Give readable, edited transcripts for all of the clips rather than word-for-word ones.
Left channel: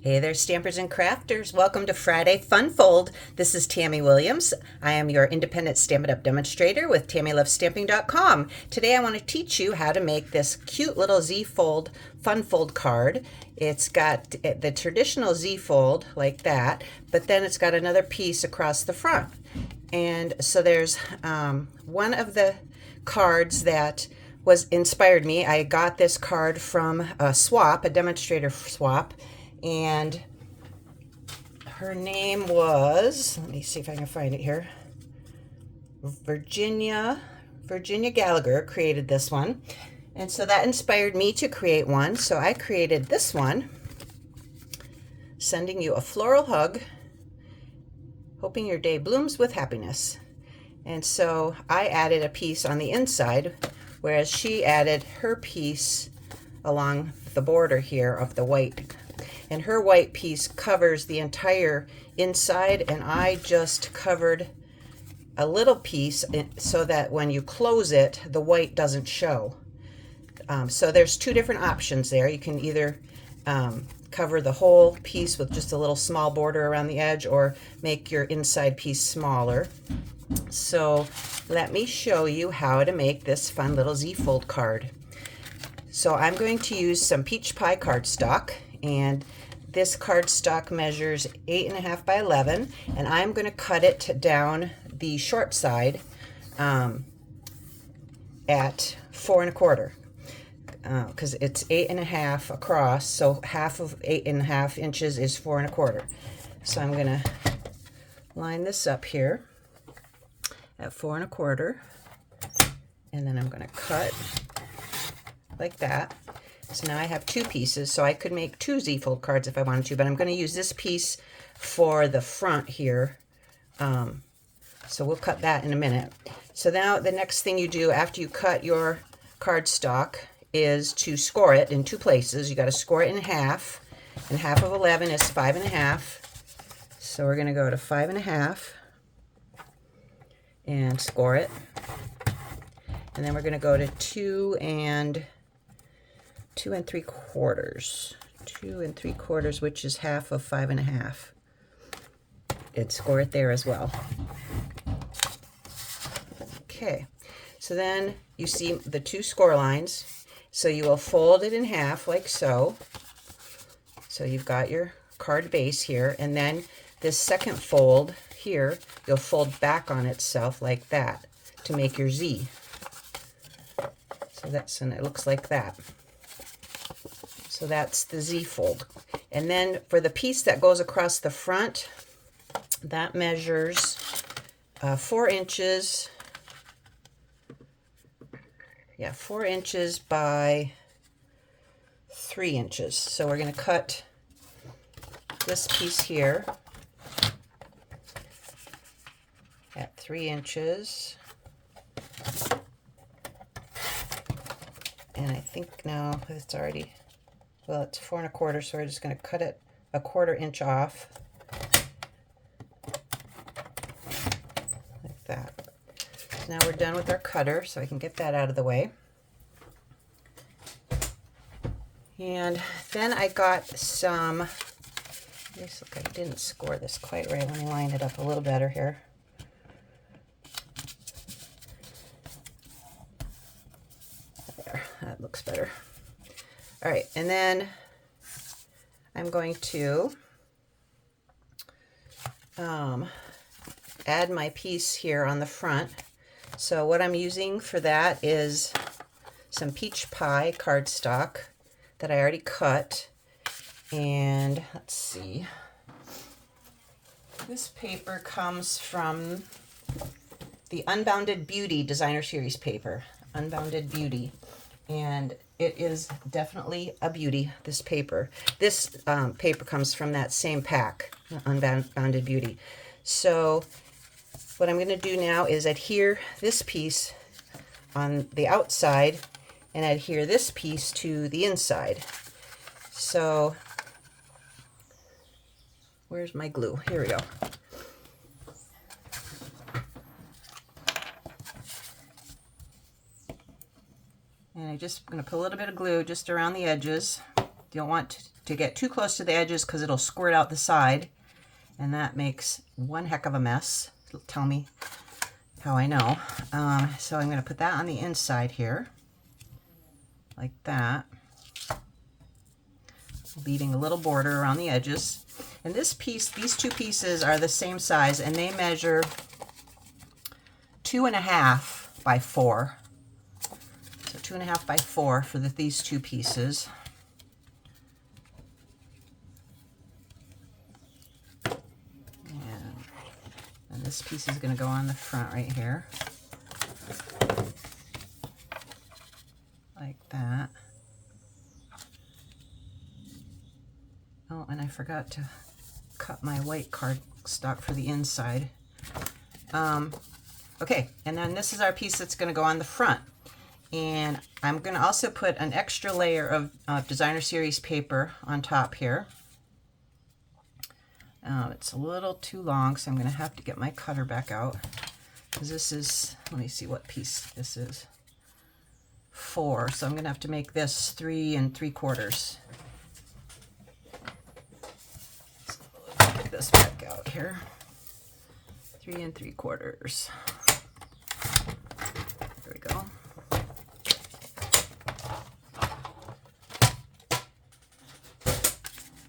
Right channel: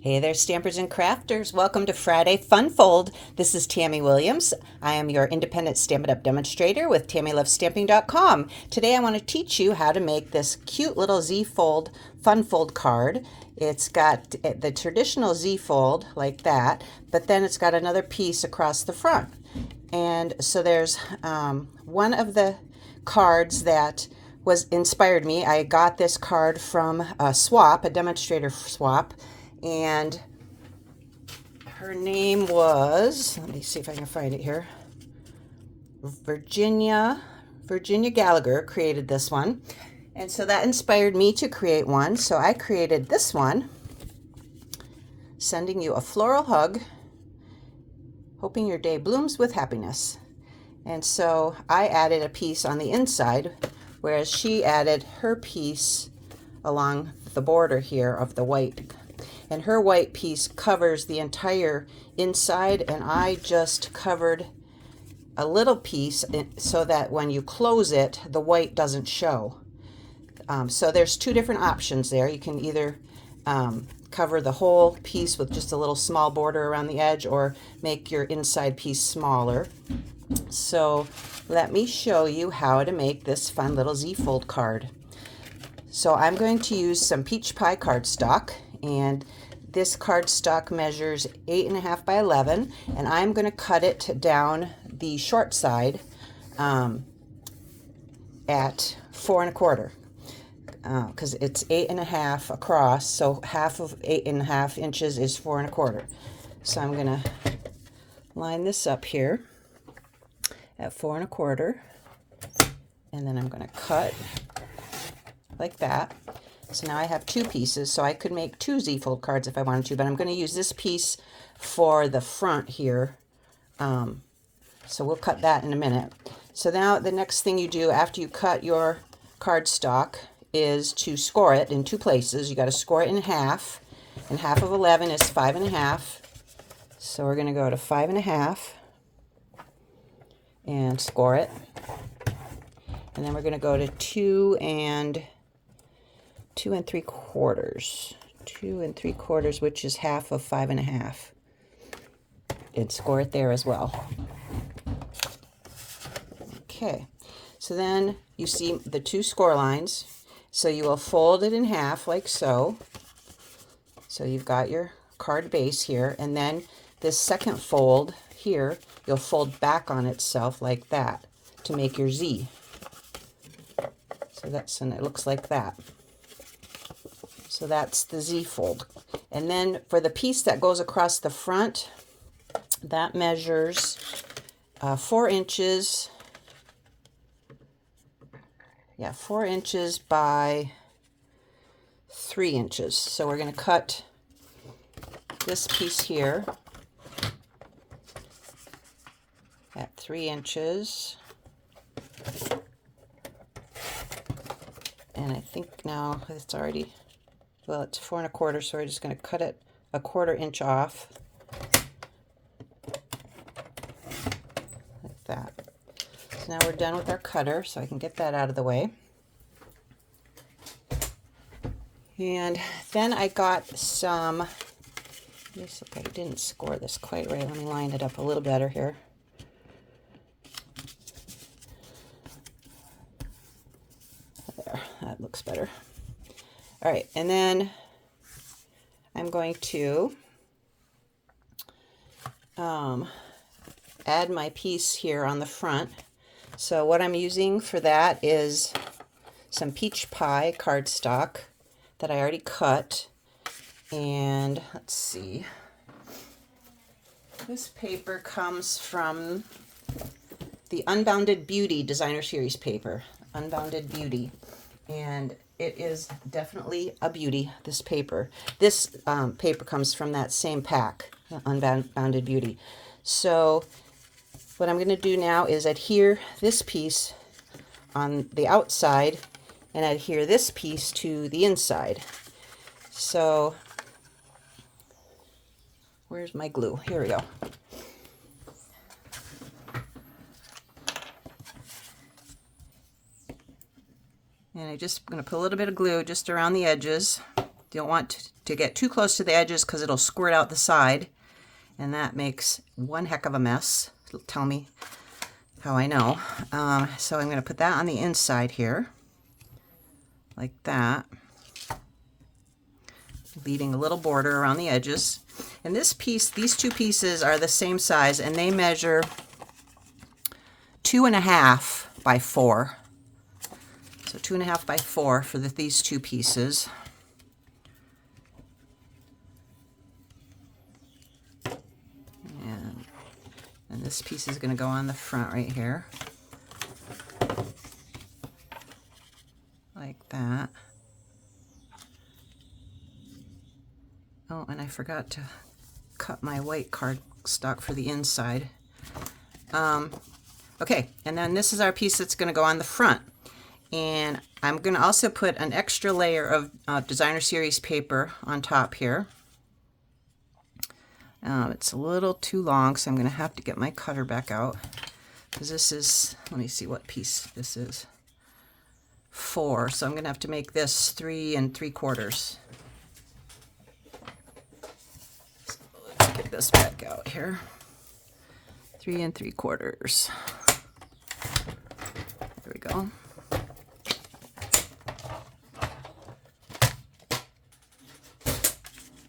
Hey there, stampers and crafters. Welcome to Friday Fun Fold. This is Tammy Williams. I am your independent Stamp It Up demonstrator with TammyLovesStamping.com. Today I want to teach you how to make this cute little Z-fold Fun Fold card. It's got the traditional Z-fold like that, but then it's got another piece across the front. And so there's one of the cards that was inspired me. I got this card from a swap, a demonstrator swap, and her name was, let me see if I can find it here, Virginia Gallagher created this one. And so that inspired me to create one. So I created this one, sending you a floral hug, hoping your day blooms with happiness. And so I added a piece on the inside, whereas she added her piece along the border here of the white. And her white piece covers the entire inside, and I just covered a little piece so that when you close it, the white doesn't show. So there's two different options there. You can either cover the whole piece with just a little small border around the edge, or make your inside piece smaller. So let me show you how to make this fun little Z-fold card. So I'm going to use some peach pie cardstock, and this cardstock measures 8.5 by 11, and I'm going to cut it down the short side at 4.25, because it's 8.5 across, so half of 8.5 inches is 4.25. So I'm going to line this up here at 4.25, and then I'm going to cut like that. So now I have two pieces, so I could make two Z-fold cards if I wanted to, but I'm going to use this piece for the front here. So we'll cut that in a minute. So now the next thing you do after you cut your cardstock is to score it in two places. You got to score it in half, and half of 11 is 5.5. So we're going to go to 5.5 and score it. And then we're going to go to 2 and 2 3/4, which is half of 5.5, and score it there as well. Okay, so then you see the two score lines, so you will fold it in half like so. So you've got your card base here, and then this second fold here, you'll fold back on itself like that to make your Z. So that's, and it looks like that. So that's the Z-fold. And then for the piece that goes across the front, that measures 4 inches. Yeah, 4 inches by 3 inches. So we're going to cut this piece here at 3 inches. And I think now it's already, well, it's 4.25, so we're just going to cut it 1/4 inch off, like that. So now we're done with our cutter, so I can get that out of the way. And then I got some, this, look, I didn't score this quite right. Let me line it up a little better here. There, that looks better. All right, and then I'm going to add my piece here on the front. So what I'm using for that is some peach pie cardstock that I already cut. And let's see, this paper comes from the Unbounded Beauty Designer Series paper, Unbounded Beauty. And it is definitely a beauty, this paper. This paper comes from that same pack, Unbounded Beauty. So what I'm going to do now is adhere this piece on the outside and adhere this piece to the inside. So where's my glue? Here we go. And I'm just going to put a little bit of glue just around the edges. You don't want to get too close to the edges because it'll squirt out the side, and that makes one heck of a mess. It'll tell me how I know. So I'm going to put that on the inside here, like that, leaving a little border around the edges. And this piece, these two pieces are the same size, and they measure 2.5 by 4. So 2.5 by 4 for these two pieces. And this piece is going to go on the front right here, like that. Oh, and I forgot to cut my white cardstock for the inside. Okay, and then this is our piece that's going to go on the front. And I'm going to also put an extra layer of Designer Series paper on top here. It's a little too long, so I'm going to have to get my cutter back out. Because this is, let me see what piece this is. 4, so I'm going to have to make this 3 3/4. So let's get this back out here. 3 3/4. There we go.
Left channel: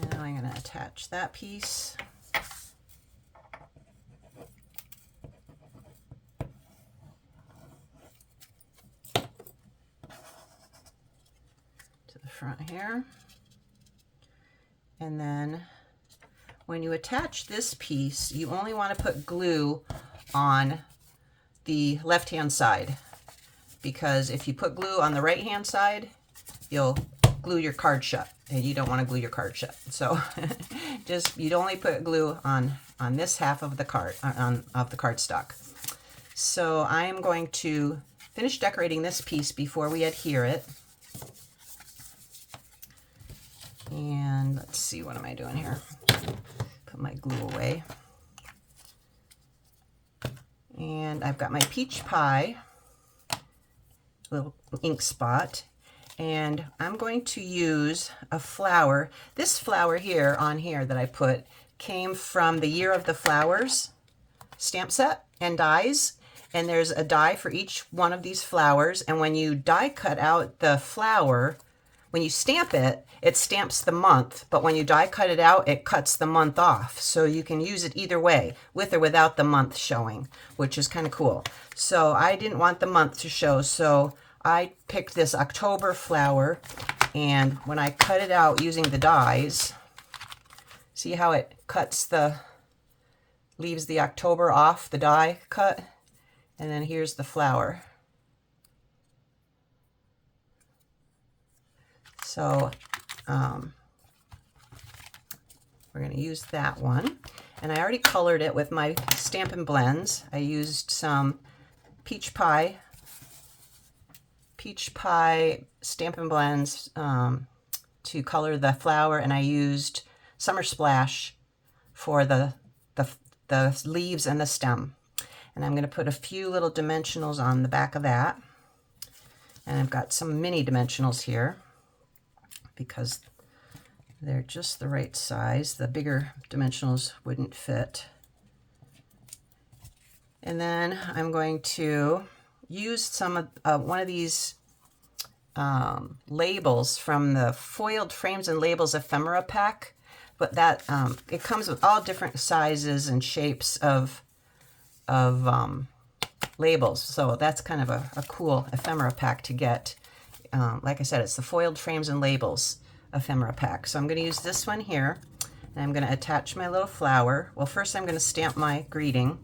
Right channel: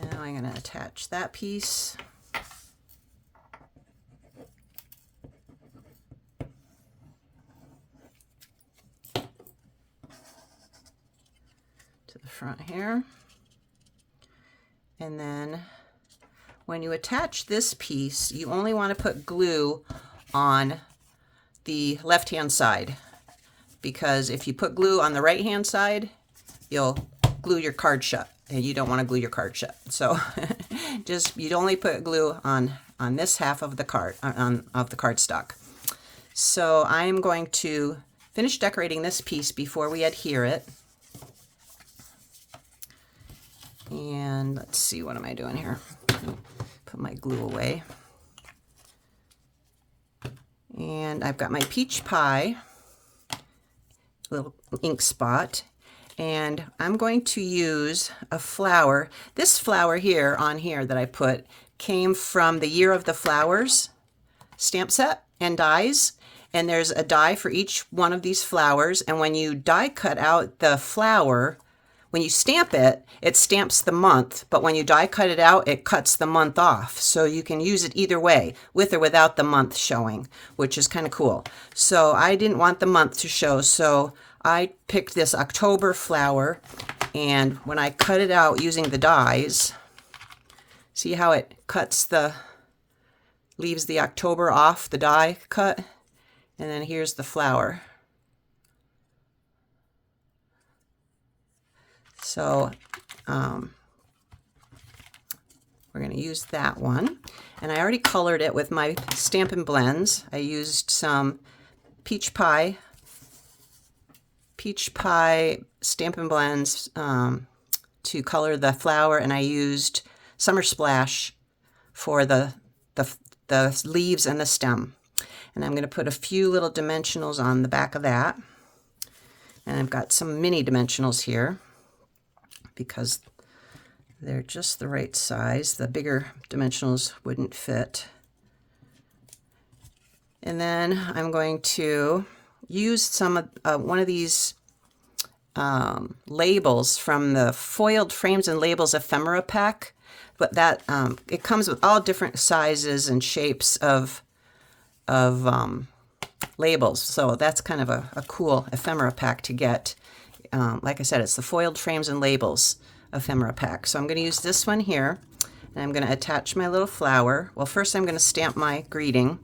And now I'm going to attach that piece. To the front here. And then when you attach this piece, you only want to put glue on the left-hand side, because if you put glue on the right-hand side, you'll glue your card shut, and you don't want to glue your card shut. So just, you'd only put glue on this half of the card, of the cardstock. So I am going to finish decorating this piece before we adhere it. And let's see, what am I doing here? Put my glue away. And I've got my peach pie little ink spot, and I'm going to use a flower. This flower here on here that I put came from the Year of the Flowers stamp set and dies, and there's a die for each one of these flowers, and when you die cut out the flower, when you stamp it, it stamps the month, but when you die cut it out, it cuts the month off. So you can use it either way, with or without the month showing, which is kind of cool. So I didn't want the month to show, so I picked this October flower, and when I cut it out using the dies, see how it cuts leaves the October off the die cut, and then here's the flower. So we're going to use that one, and I already colored it with my Stampin' Blends. I used some peach pie Stampin' Blends to color the flower, and I used Summer Splash for the leaves and the stem. And I'm going to put a few little dimensionals on the back of that, and I've got some mini dimensionals here because they're just the right size. The bigger dimensionals wouldn't fit. And then I'm going to use some of one of these labels from the Foiled Frames and Labels ephemera pack, but that it comes with all different sizes and shapes of labels, so that's kind of a cool ephemera pack to get. Like I said, it's the Foiled Frames and Labels ephemera pack. So I'm going to use this one here, and I'm going to attach my little flower. Well, first I'm going to stamp my greeting.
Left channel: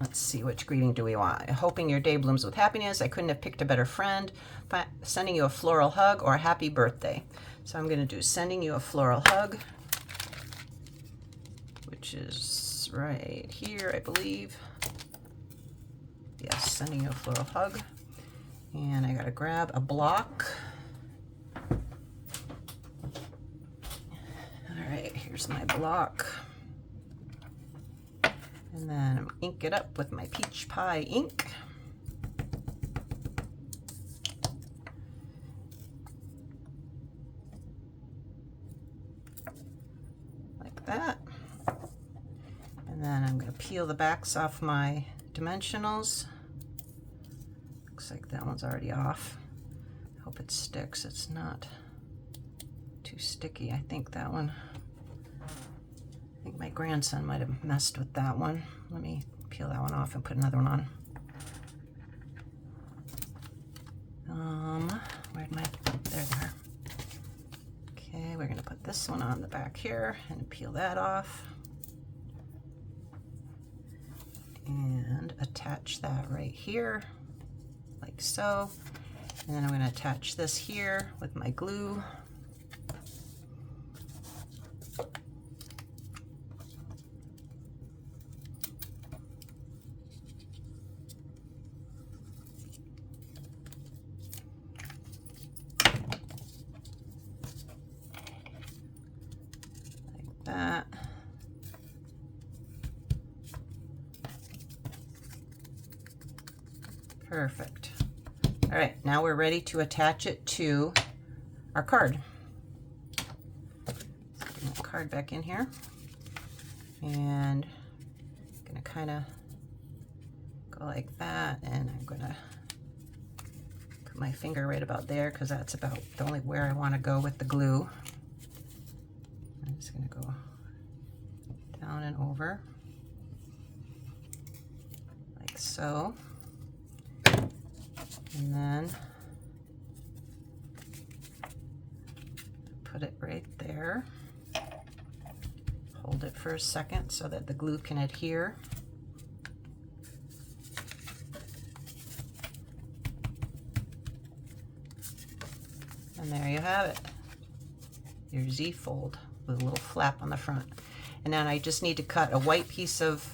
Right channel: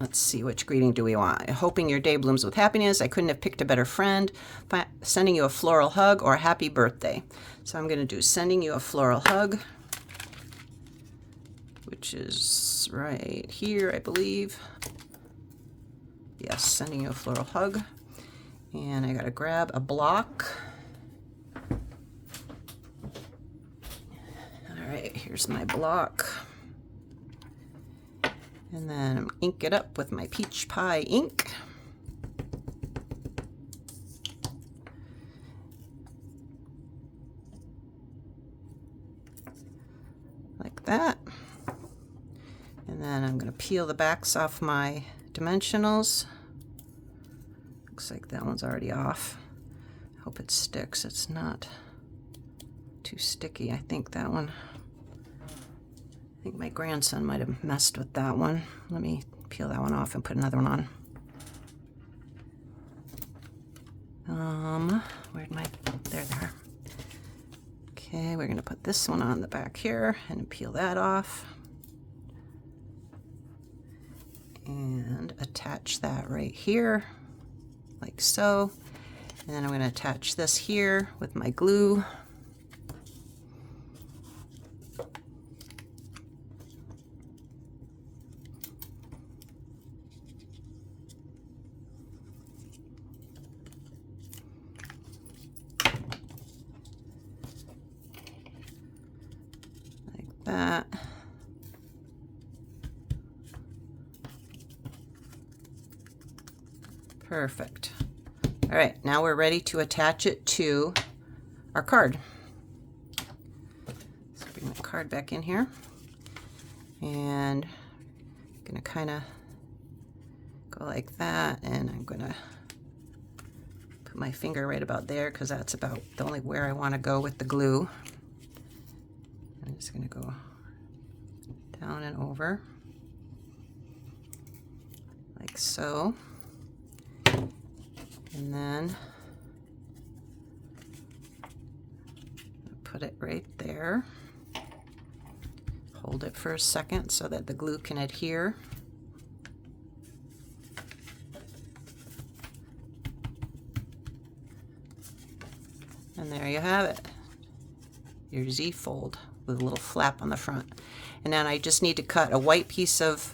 Let's see, which greeting do we want? Hoping your day blooms with happiness. I couldn't have picked a better friend. Sending you a floral hug, or happy birthday. So I'm going to do sending you a floral hug, which is right here, I believe. Yes, sending you a floral hug. And I got to grab a block. All right, here's my block. And then ink it up with my peach pie ink. that. And then I'm going to peel the backs off my dimensionals. Looks like that one's already off. Hope it sticks. It's not too sticky. I think that one, I think my grandson might have messed with that one. Let me peel that one off and put another one on. Where'd my, there they are. Okay, we're gonna put this one on the back here and peel that off. And attach that right here, like so. And then I'm gonna attach this here with my glue. That. Perfect. All right, now we're ready to attach it to our card. So bring the card back in here, and I'm gonna kind of go like that, and I'm gonna put my finger right about there because that's about the only where I want to go with the glue. I'm just going to go down and over like so, and then put it right there. Hold it for a second so that the glue can adhere. And there you have it, your Z fold with a little flap on the front. And then I just need to cut a white piece of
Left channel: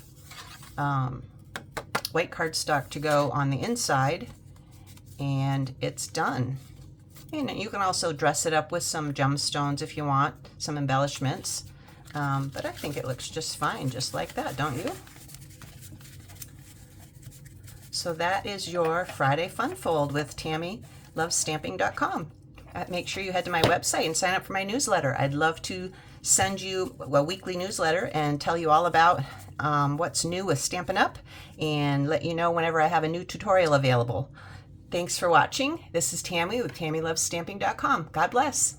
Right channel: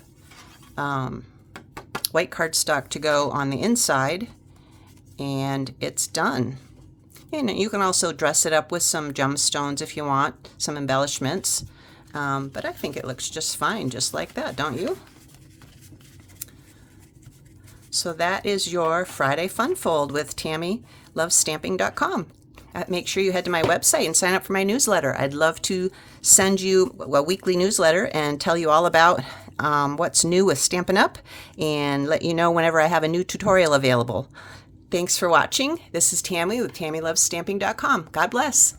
white cardstock to go on the inside, and it's done. And you can also dress it up with some gemstones if you want, some embellishments. But I think it looks just fine, just like that, don't you? So that is your Friday Fun Fold with TammyLovesStamping.com. Make sure you head to my website and sign up for my newsletter. I'd love to send you a weekly newsletter and tell you all about what's new with Stampin' Up! And let you know whenever I have a new tutorial available. Thanks for watching. This is Tammy with TammyLovesStamping.com. God bless.